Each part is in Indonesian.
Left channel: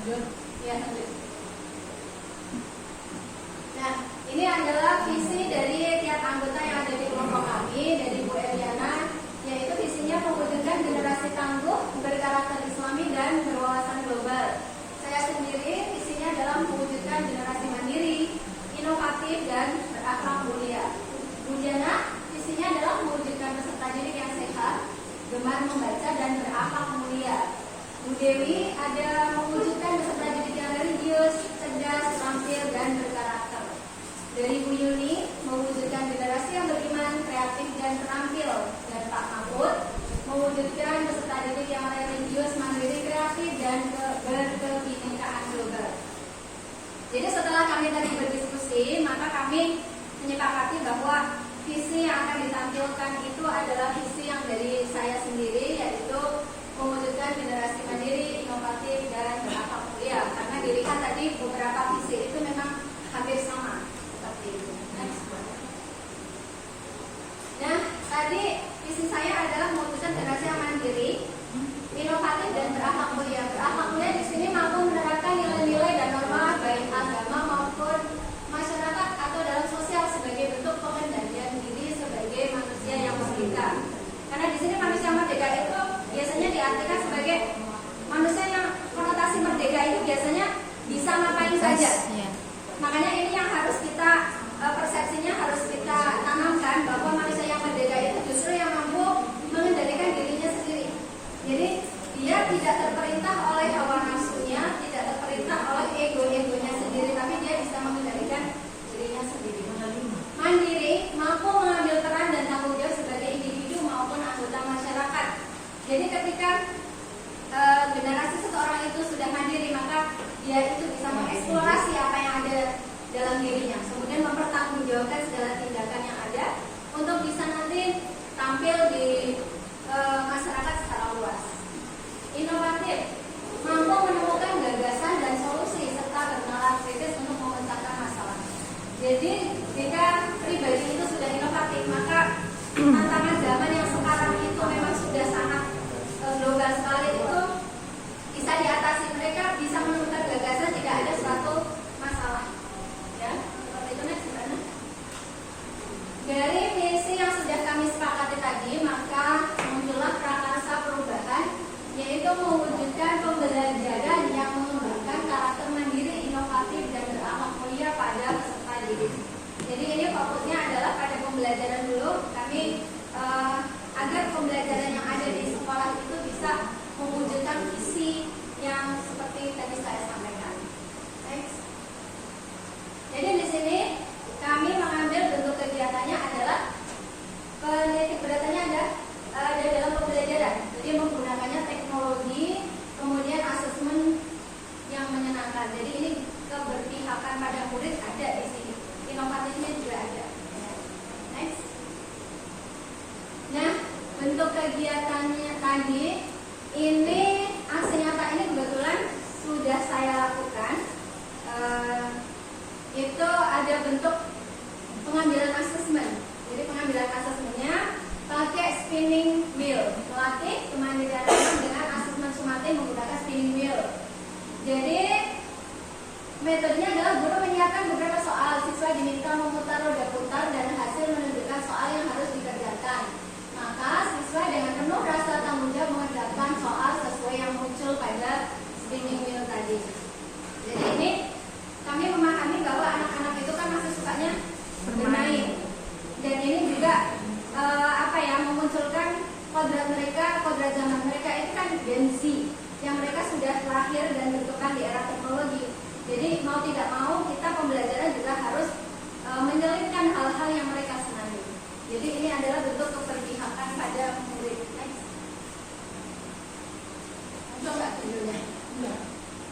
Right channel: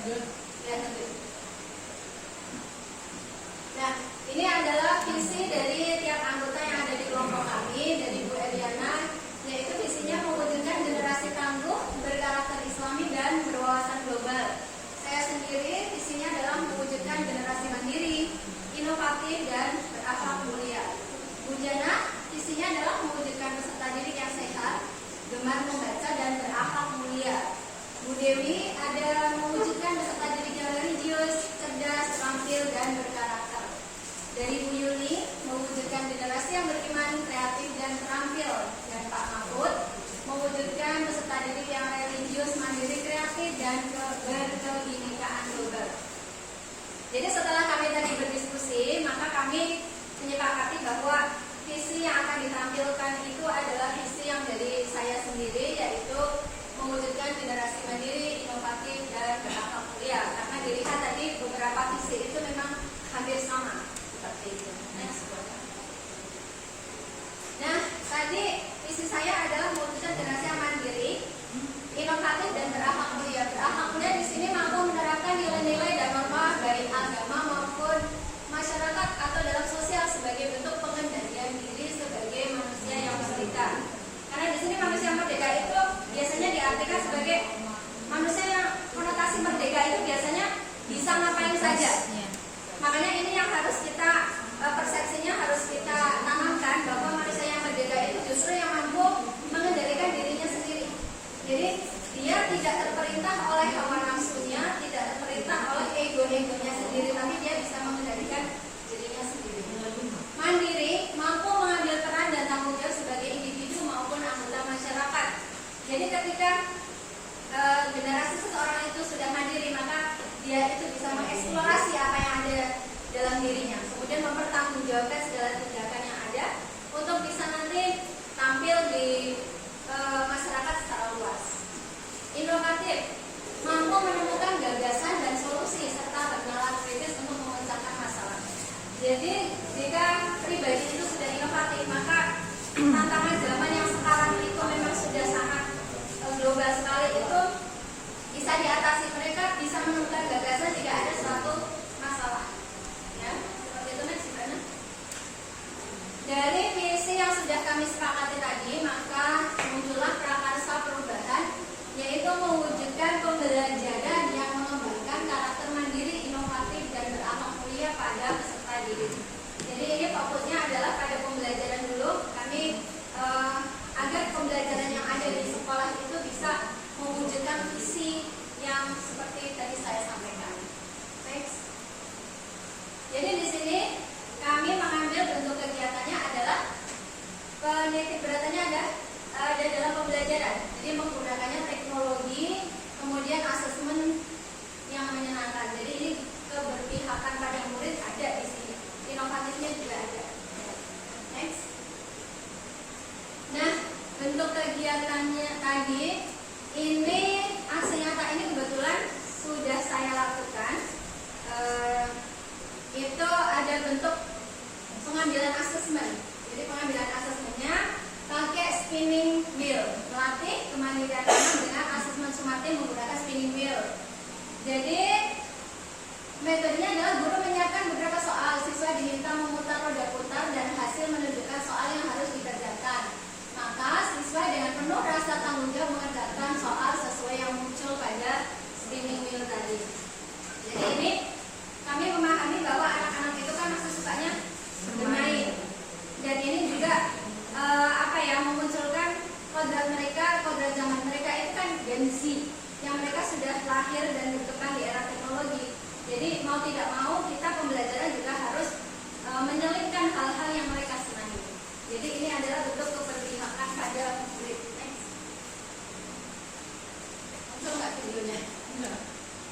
Ya, nah, ini adalah visi dari tiap anggota yang ada di kelompok kami, dari Bu Eliana, yaitu visinya mewujudkan generasi tangguh, berkarakter Islami dan berwawasan global. Saya sendiri visinya adalah mewujudkan generasi mandiri, inovatif dan berakhlak mulia. Bu Jana visinya adalah mewujudkan peserta didik yang sehat, gemar membaca dan berakhlak mulia. Bu Dewi ada mewujudkan peserta didik yang religius, cerdas, terampil dan berkarakter. Dari Bu Yuni mewujudkan generasi yang beriman, kreatif dan terampil. Dan Pak Mahfud mewujudkan peserta didik yang religius, mandiri, kreatif dan berkebinekaan global. Jadi setelah kami tadi berdiskusi, maka kami menyepakati bahwa visi yang akan ditampilkan itu adalah visi yang dari saya sendiri, yaitu mewujudkan generasi mandiri, inovatif dan berakhlak mulia. Karena dilihat tadi beberapa visi itu memang hampir sama seperti itu. Nah, tadi visi saya adalah mewujudkan generasi yang mandiri, inovatif dan berakhlak mulia. Berakhlak mulia di sini mampu menerapkan nilai-nilai dan norma baik agama maupun masyarakat atau dalam sosial sebagai bentuk pengendalian diri sebagai manusia yang merdeka. Karena di sini manusia merdeka itu biasanya diartikan sebagai manusia yang konotasi merdeka itu biasanya bisa ngapain saja. Makanya ini yang harus kita persepsinya harus kita tanamkan bahwa manusia yang merdeka itu justru yang mampu mengendalikan dirinya sendiri. Jadi dia tidak terperintah oleh hawa nafsunya, tidak terperintah oleh ego-egonya sendiri, tapi dia bisa mengendalikan dirinya sendiri. Mandiri, mampu mengambil peran dan tanggung jawab sebagai individu maupun anggota masyarakat. Jadi ketika generasi seseorang itu sudah mandiri, maka dia itu bisa mengeksplorasi apa yang ada dalam dirinya, kemudian mempertanggungjawabkan segala tindakan yang ada untuk bisa nanti tampil di masyarakat secara luas. Inovatif, mampu menemukan gagasan dan solusi serta bernalar kritis untuk memecahkan masalah. Jadi jika pribadi itu sudah inovatif, maka tantangan zaman yang sekarang itu memang sudah sangat global sekali, itu bisa diatasi. Mereka bisa menemukan gagasan, tidak ada suatu masalah. Ya, seperti itu. Next, gimana? Dari visi yang sudah kami sepakati tadi, maka muncullah prakarsa perubahan, yaitu mewujudkan pembelajaran yang mengembangkan karakter mandiri, inovatif dan berakhlak mulia pada peserta didik. Jadi ini fokusnya adalah pada pembelajaran dulu. Kami agar pembelajaran yang ada di sekolah itu bisa mewujudkan visi yang seperti tadi saya sampaikan. Next. Jadi di sini kami mengambil bentuk kegiatannya adalah penitik beratnya ada dalam pembelajaran. Jadi menggunakannya teknologi, kemudian asesmen yang menyenangkan. Jadi ini keberpihakan pada murid ada di sini. Inovatifnya juga ada. Next. Nah, bentuk kegiatannya tadi ini aksi nyata ini kebetulan sudah saya lakukan. Itu ada bentuk pengambilan asesmen. Jadi pengambilan asesmennya pakai spinning wheel, melatih kemandirian anak dengan asesmen sumatin menggunakan spinning wheel. Jadi metodenya adalah guru menyiapkan beberapa soal, siswa diminta memutar roda putar dan hasil menunjukkan soal yang harus dikerjakan. Maka siswa dengan penuh rasa tanggung jawab mengerjakan soal sesuai yang muncul pada spinning wheel tadi. Jadi ini kami memahami bahwa anak-anak itu kan masih sukanya bermain, dan ini juga memunculkan kodrat mereka, kodrat zaman mereka itu kan Gen Z, yang mereka sudah lahir dan berkembang di era teknologi. Jadi mau tidak mau kita pembelajaran juga harus menyelipkan hal-hal yang mereka senangi. Jadi ini adalah bentuk keberpihakan pada murid. Next. Untuk nggak videonya?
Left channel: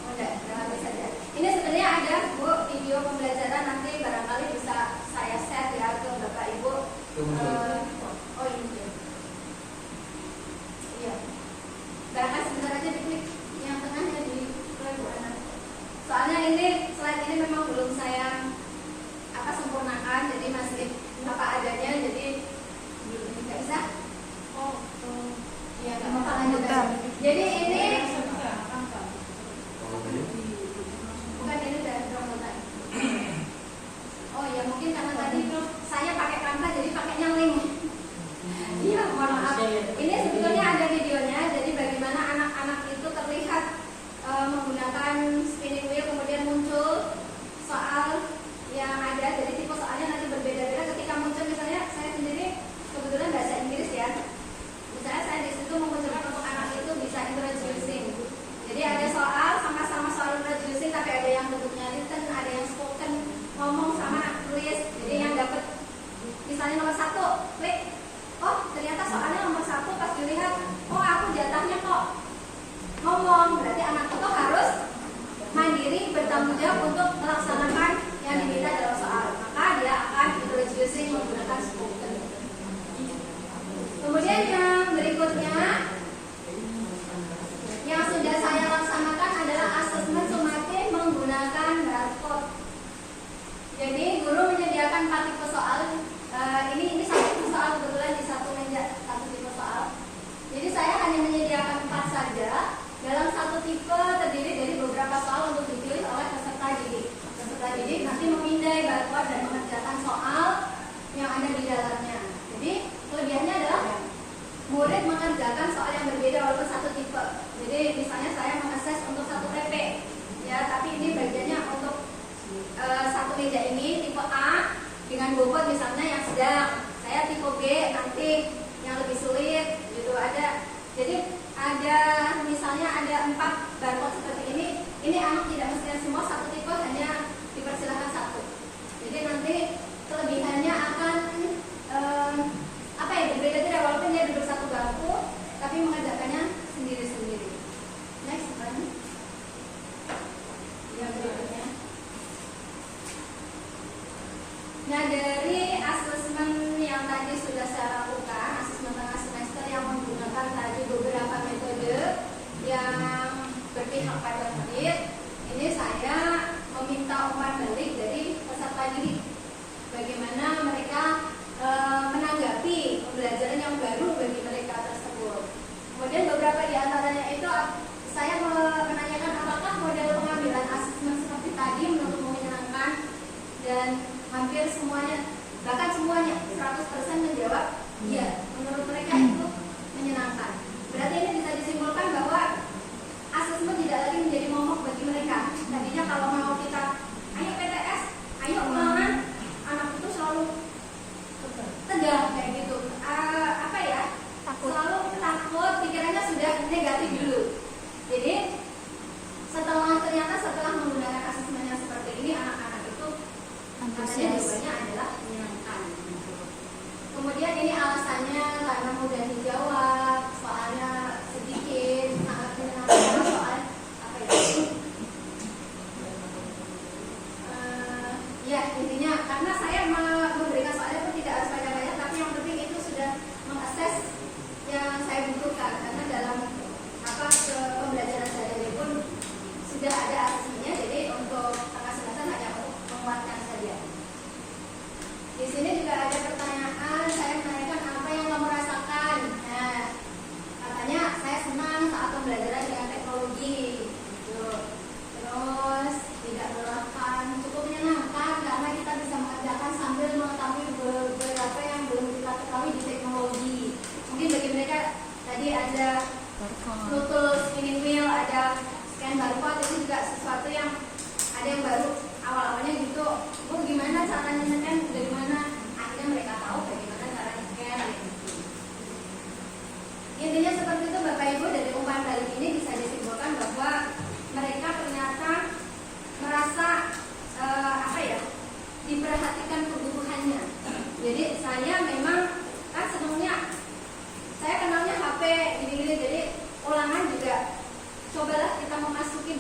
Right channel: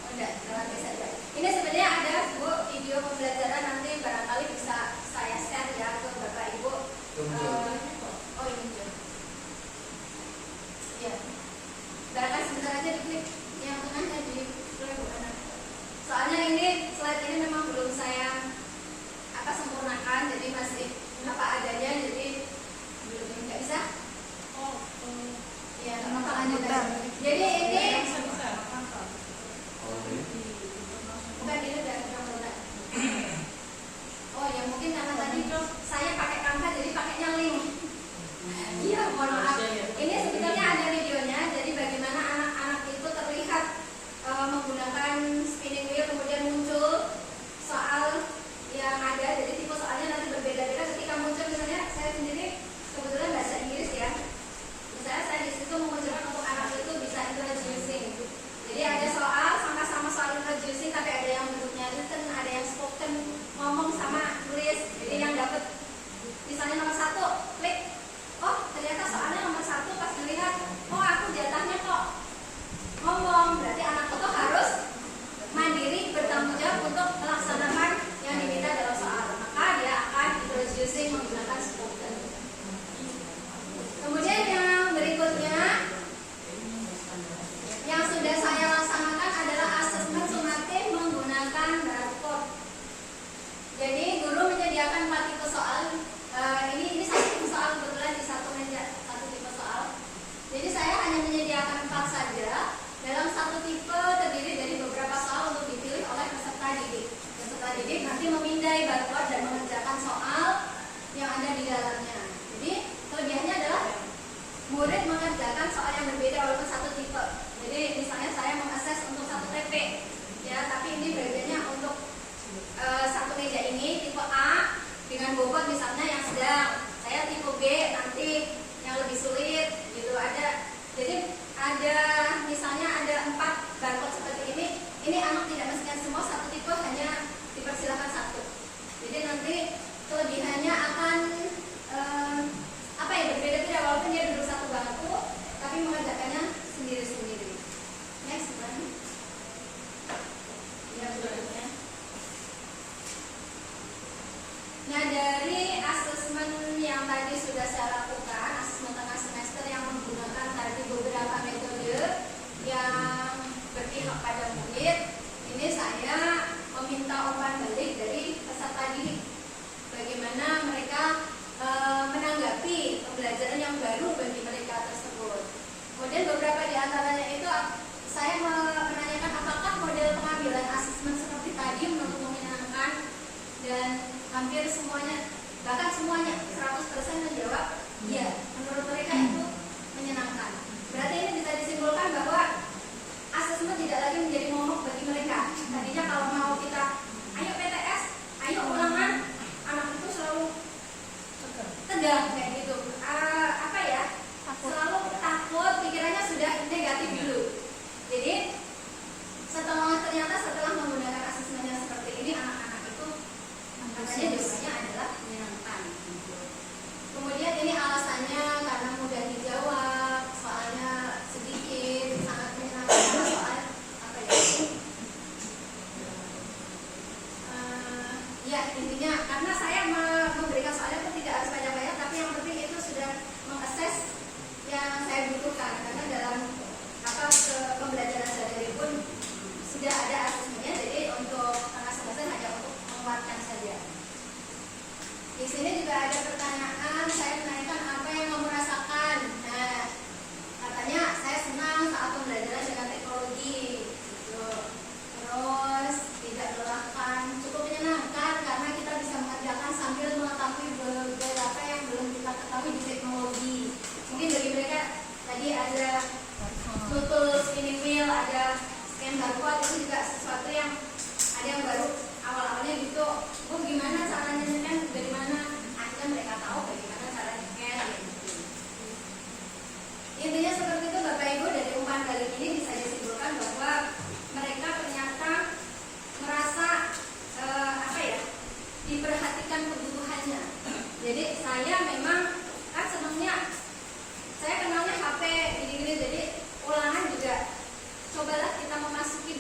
Oh enggak, bisa saja. Ini sebenarnya ada Bu video pembelajaran, nanti barangkali bisa saya share ya ke Bapak Ibu. Oh ini. Ya. Barangkali sebentar aja diklik yang tengahnya di anak. Soalnya ini slide ini memang belum saya sempurnakan, jadi masih apa adanya, jadi nggak bisa. Ya nggak apa-apa, lanjut aja. Jadi ini ngomong, berarti anak itu harus mandiri, bertanggung jawab untuk melaksanakan yang diminta dalam soal. Maka dia akan introducing menggunakan spoken. Kemudian yang berikutnya yang sudah saya laksanakan adalah asesmen sumatif menggunakan barcode. Jadi guru menyediakan 4 tipe soal. Ini 1 tipe soal, kebetulan di satu meja 1 tipe soal. Jadi saya hanya menyediakan 4 saja. Dalam 1 tipe terdiri dari beberapa soal untuk dipilih oleh peserta didik. Peserta didik nanti memindai barcode dan mengerjakan soal yang ada di dalamnya. Jadi kelebihannya adalah murid mengerjakan soal yang berbeda walaupun 1 tipe. Jadi misalnya saya mengakses untuk 1 TP, ya, tapi ini bagiannya untuk 1 meja ini tipe A dengan bobot misalnya yang sedang. Saya tipe B nanti yang lebih sulit, gitu ada. Jadi ada misalnya ada 4 barcode seperti ini anak tidak mesti semua 1 tipe, hanya dipersilakan 1. Jadi nanti kelebihannya akan berbeda-beda walaupun dia duduk 1 bangku, tapi mengerjakannya sendiri-sendiri. Next one. Yang berikutnya. Nah, dari asesmen yang tadi sudah saya lakukan, asesmen tengah semester yang menggunakan tadi beberapa metode yang berpihak pada murid, ini saya meminta umpan balik dari peserta didik. Bagaimana mereka menanggapi pembelajaran yang baru bagi mereka tersebut. Kemudian beberapa di antaranya itu saya menanyakan apakah model pengambilan asesmen seperti tadi menurutmu menyenangkan, dan hampir semuanya, bahkan semuanya 100% menjawab ya, menurut mereka itu menyenangkan. Berarti ini bisa disimpulkan bahwa asesmen tidak lagi menjadi momok bagi mereka. Tadinya kalau mau kita ayo PTS, ayo ulangan, anak itu selalu tegang kayak gitu. Selalu takut, pikirannya sudah negatif dulu. Jadi setelah menggunakan asesmennya seperti ini, anak-anak itu katanya jawabannya adalah menyenangkan. Kemudian ini alasannya karena mudah dijawab, soalnya sedikit, sangat menyenangkan. Soal ya intinya karena saya memberikan soalnya pun tidak harus banyak-banyak, tapi yang penting itu sudah mengakses yang saya butuhkan, karena dalam pembelajaran daring pun sudah ada asesmennya. Jadi untuk tengah semester hanya untuk menguatkan saja. Di sini juga ada pertanyaan, saya menanyakan apa yang kamu rasakan. Nah, katanya saya senang saat pembelajaran dengan teknologi, gitu. Terus tidak melelahkan, cukup menyenangkan karena kita bisa mengerjakan sambil mengetahui beberapa yang belum kita ketahui di teknologi. Mungkin bagi mereka tadi ada Bluetooth, spinning wheel, ada scan barcode, itu juga sesuatu yang ada yang baru. Awal-awalnya gitu, gimana caranya scan, dari mana? Akhirnya mereka tahu bagaimana cara scan. Gitu. Intinya seperti itu Bapak Ibu, dari umpan balik ini bisa disimpulkan bahwa mereka ternyata merasa diperhatikan kebutuhannya. Jadi saya memang kan sebelumnya saya kenalnya HP gini-gini, jadi ulangan juga cobalah kita memasuki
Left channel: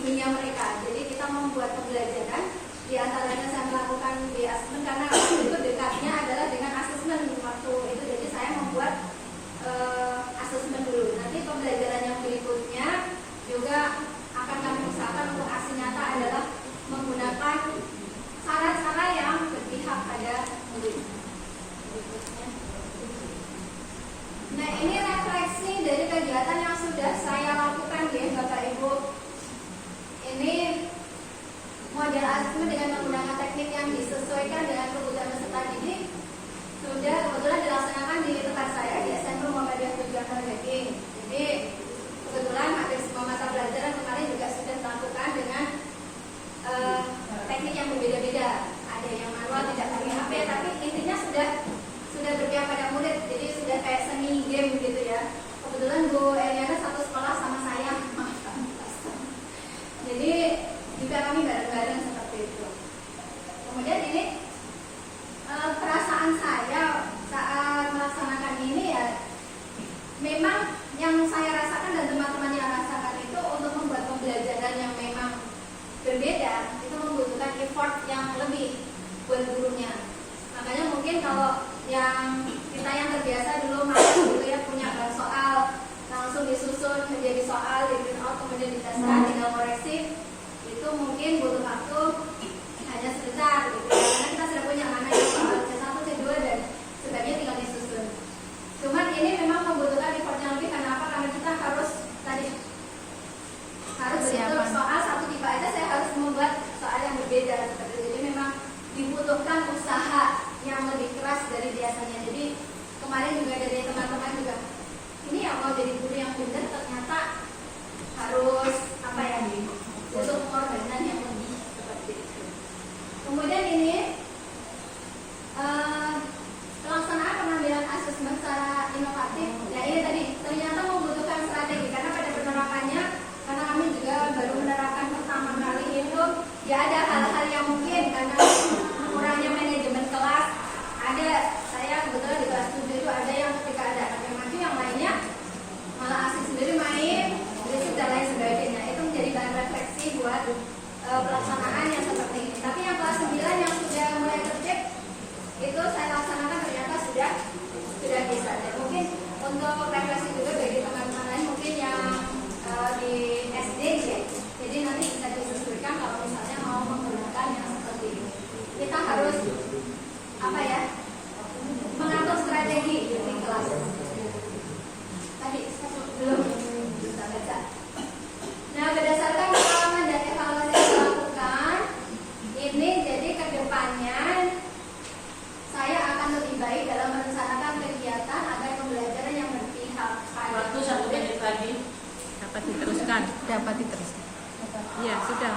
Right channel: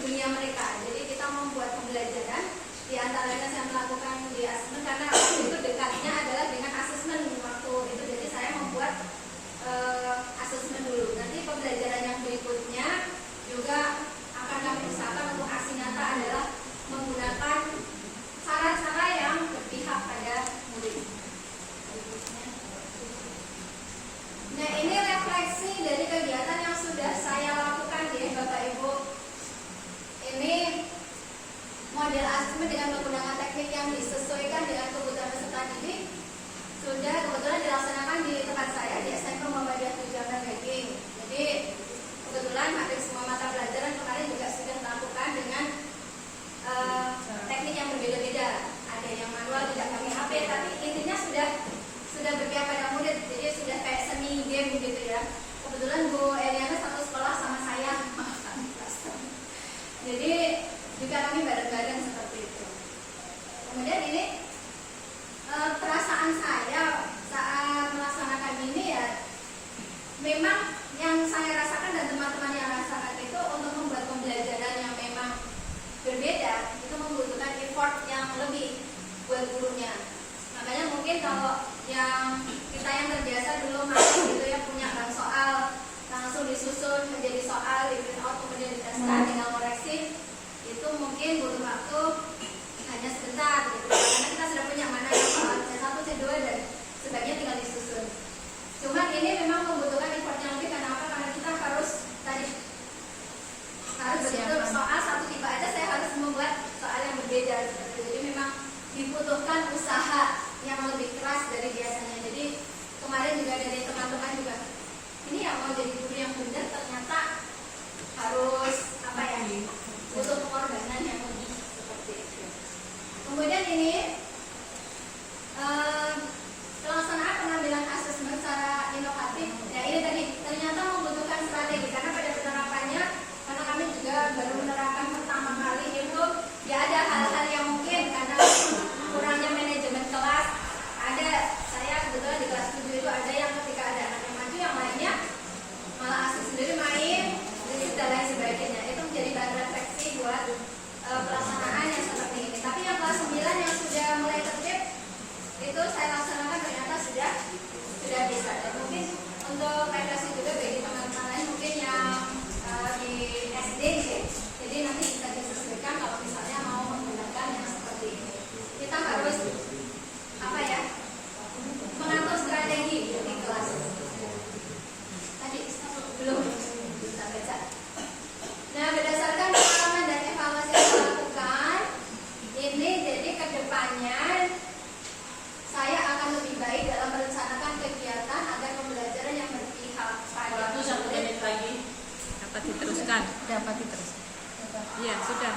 di SD ya. Jadi nanti bisa disesuaikan kalau misalnya mau menggunakan yang seperti ini. Kita harus apa ya? Mengatur strategi di kelas. Tadi belum bisa baca. Nah, berdasarkan pengalaman dan evaluasi yang saya lakukan, ini jadi kedepannya saya akan lebih baik dalam merencanakan kegiatan agar pembelajaran yang berpihak pada Waktu 1 menit lagi. Dapat diteruskan. Dapat diteruskan. Iya, sudah.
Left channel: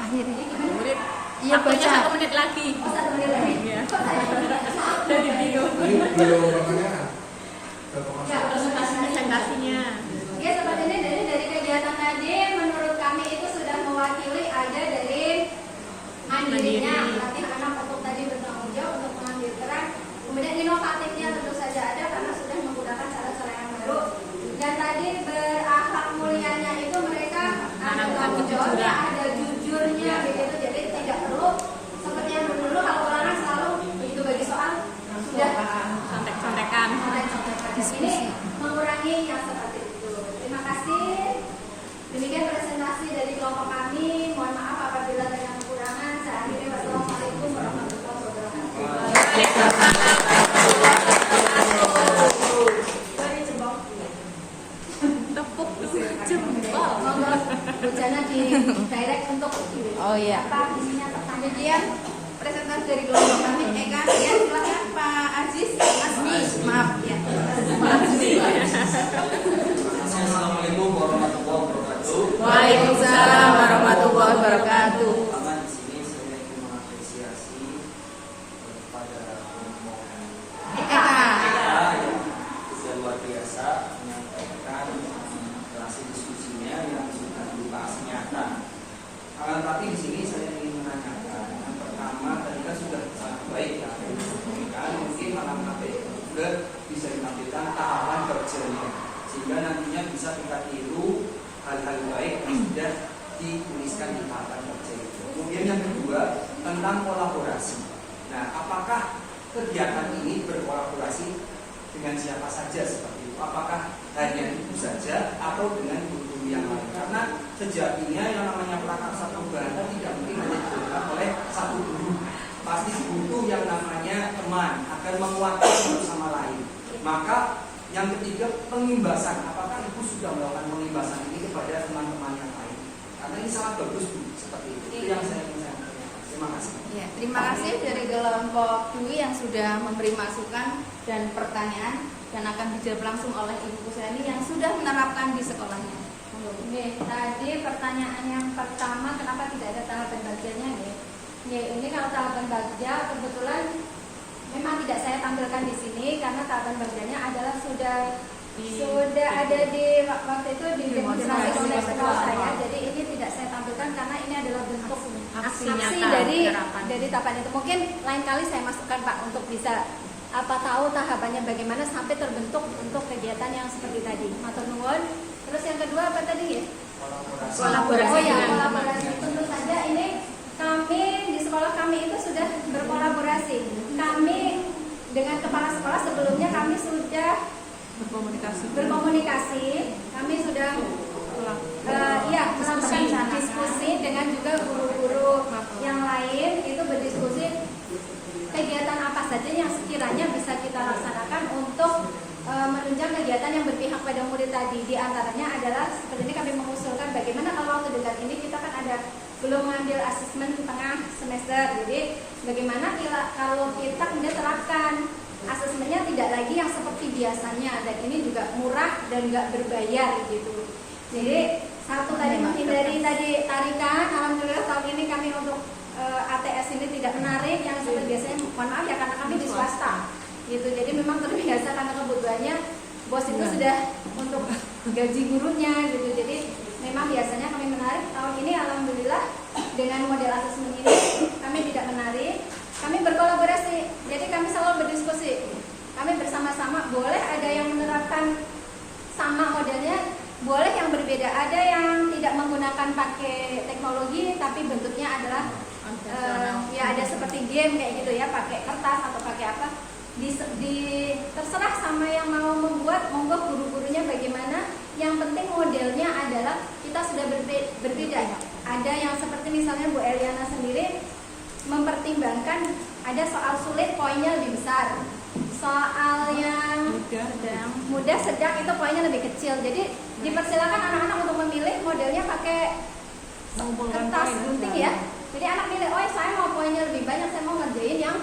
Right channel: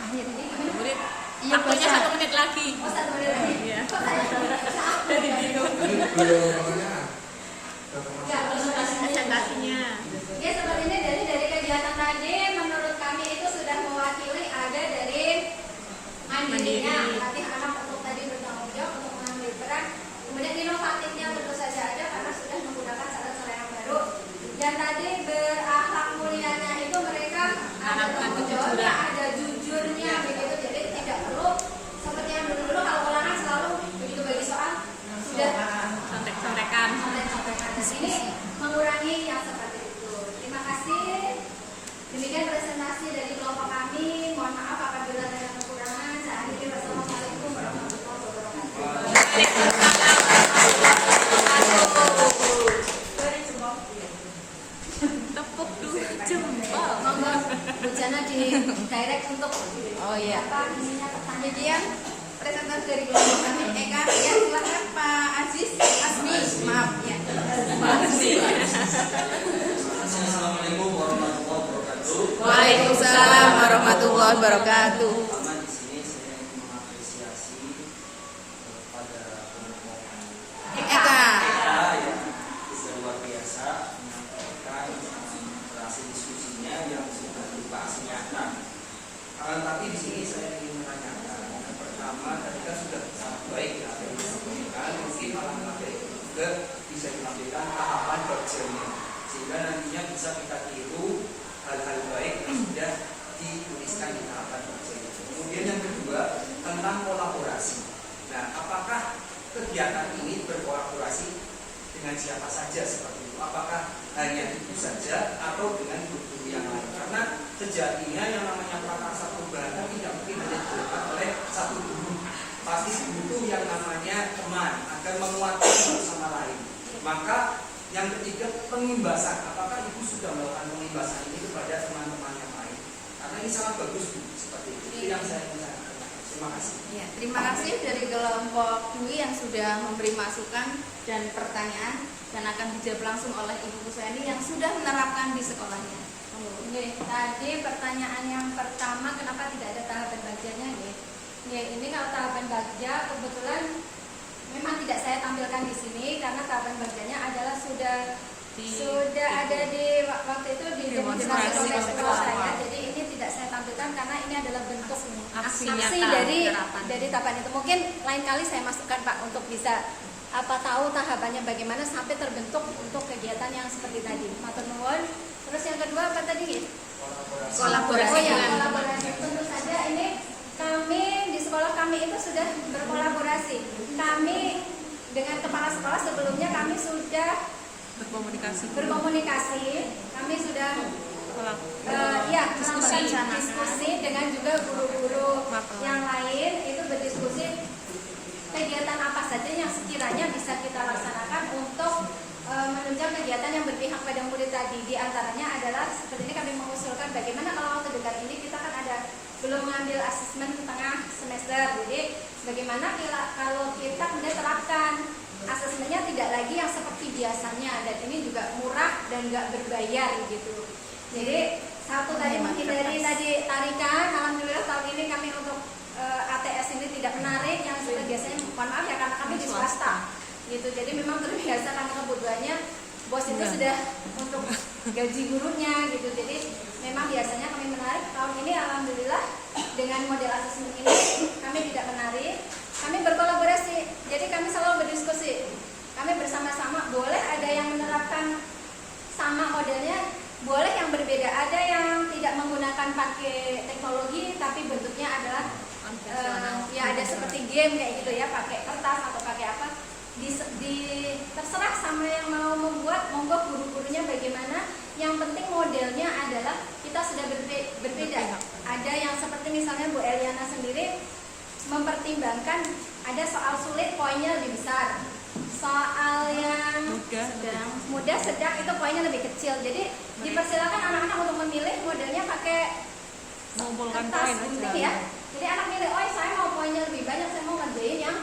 Akhirnya. Satu menit. Iya, Waktunya baca. 1 menit lagi. Oh, 1 menit lagi. Iya. Kok saya tidak Jadi gitu. Ini belum pertanyaan. Ya, Presentasinya. ya seperti ini dari kegiatan tadi menurut kami itu sudah mewakili ada dari mandirinya, Mandiri. melatih anak untuk tadi bertanggung jawab untuk mengambil peran. Kemudian inovatifnya tentu saja ada karena sudah menggunakan cara-cara yang baru. Dan tadi berakhlak mulianya itu mereka ada Menanamkan tanggung jawabnya, kejujuran. ada jujurnya begitu. Jadi tidak perlu seperti yang dulu kalau ulangan selalu begitu bagi soal sudah Contek-contekan. contek-contekan. Di sini mengurangi yang seperti itu. Terima kasih. Demikian presentasi dari kelompok kami. Mohon maaf apabila ada yang kekurangan. Saya akhiri. Wassalamualaikum warahmatullahi wabarakatuh. Tepuk dulu jempol. Monggo bujana di direct untuk Oh iya. apa isinya Kemudian presentasi dari kelompok kami Eka. Ya, silakan Pak Aziz, Asmi. Maaf ya. Assalamualaikum warahmatullahi wabarakatuh. Waalaikumsalam warahmatullahi wabarakatuh. Pertama di sini saya ingin mengapresiasi pada kelompok Eka. kita yang sudah luar biasa menyampaikan hasil diskusinya yang sudah berupa aksi nyata. Akan tapi di sini saya ingin menanyakan yang pertama tadi kan sudah sangat baik ya apa yang disampaikan, mungkin alangkah baik juga bisa ditampilkan tahapan kerjanya sehingga nantinya bisa kita tiru hal-hal baik yang sudah dituliskan di tahapan kerja itu. Kemudian yang kedua tentang kolaborasi. Nah, apakah kegiatan ini berkolaborasi dengan siapa saja seperti itu? Apakah hanya ibu saja atau dengan guru-guru yang lain? Karena sejatinya yang namanya prakarsa perubahan kan tidak mungkin hanya dilakukan oleh satu guru. Pasti butuh yang namanya teman agar menguatkan satu sama lain. Maka yang ketiga pengimbasan. Apakah ibu sudah melakukan pengimbasan ini kepada teman-teman yang lain? Karena ini sangat bagus bu, seperti itu. Itu yang saya ingin sampaikan. Terima kasih. Ya, terima kasih dari kelompok ini yang sudah memberi masukan dan pertanyaan dan akan dijawab langsung oleh Ibu Kuseni yang sudah menerapkan di sekolahnya. Oke, tadi pertanyaan yang pertama kenapa tidak ada tahapan bagiannya ya? Ini kalau tahapan bagja kebetulan memang tidak saya tampilkan di sini karena tahapan bagiannya adalah sudah ada di waktu itu di demonstrasi kontekstual saya. Jadi ini tidak saya tampilkan karena ini adalah bentuk Aksi aksi nyata, dari penerapan. tahapan itu. Mungkin lain kali saya masukkan Pak untuk bisa tahu tahapannya bagaimana sampai terbentuk untuk kegiatan yang seperti tadi. Matur nuwun. Terus yang kedua apa tadi? Kolaborasi. Oh ya, kolaborasi. Tentu saja ini kami di sekolah kami itu sudah berkolaborasi. Kami dengan kepala sekolah sebelumnya kami sudah berkomunikasi. Kami sudah melakukan diskusi dengan juga guru-guru yang lain itu berdiskusi kegiatan apa saja yang sekiranya bisa kita laksanakan untuk menunjang kegiatan yang berpihak pada murid tadi. Di antaranya adalah seperti ini kami mengusulkan bagaimana kalau waktu dekat ini kita kan belum mengambil asesmen tengah semester. Jadi bagaimana kalau kita kemudian terapkan asesmennya tidak lagi yang seperti biasanya dan ini juga murah dan nggak berbayar gitu. Jadi satu tadi menghindari tadi tarikan. Alhamdulillah tahun ini kami untuk ATS ini tidak menarik yang seperti biasanya. Mohon maaf ya karena kami di swasta gitu. Jadi memang terbiasa karena kebutuhannya bos itu sudah untuk gaji gurunya gitu. Jadi memang biasanya kami menarik. Tahun ini alhamdulillah dengan model asesmen ini kami tidak menarik. Kami berkolaborasi. Jadi kami selalu berdiskusi. Kami bersama-sama boleh ada yang menerapkan sama modelnya, boleh yang berbeda. Ada yang tidak menggunakan pakai teknologi tapi bentuknya adalah ya ada seperti game kayak gitu ya, pakai kertas atau pakai apa. terserah sama yang mau membuat, monggo guru-gurunya bagaimana. Yang penting modelnya adalah kita sudah berbeda. Ada yang seperti misalnya Bu Eliana sendiri mempertimbangkan ada soal sulit poinnya lebih besar, soal yang mudah sedang itu poinnya lebih kecil. Jadi dipersilakan anak-anak untuk memilih modelnya pakai kertas gunting ya. Jadi anak milih, oh saya mau poinnya lebih banyak, saya mau ngerjain yang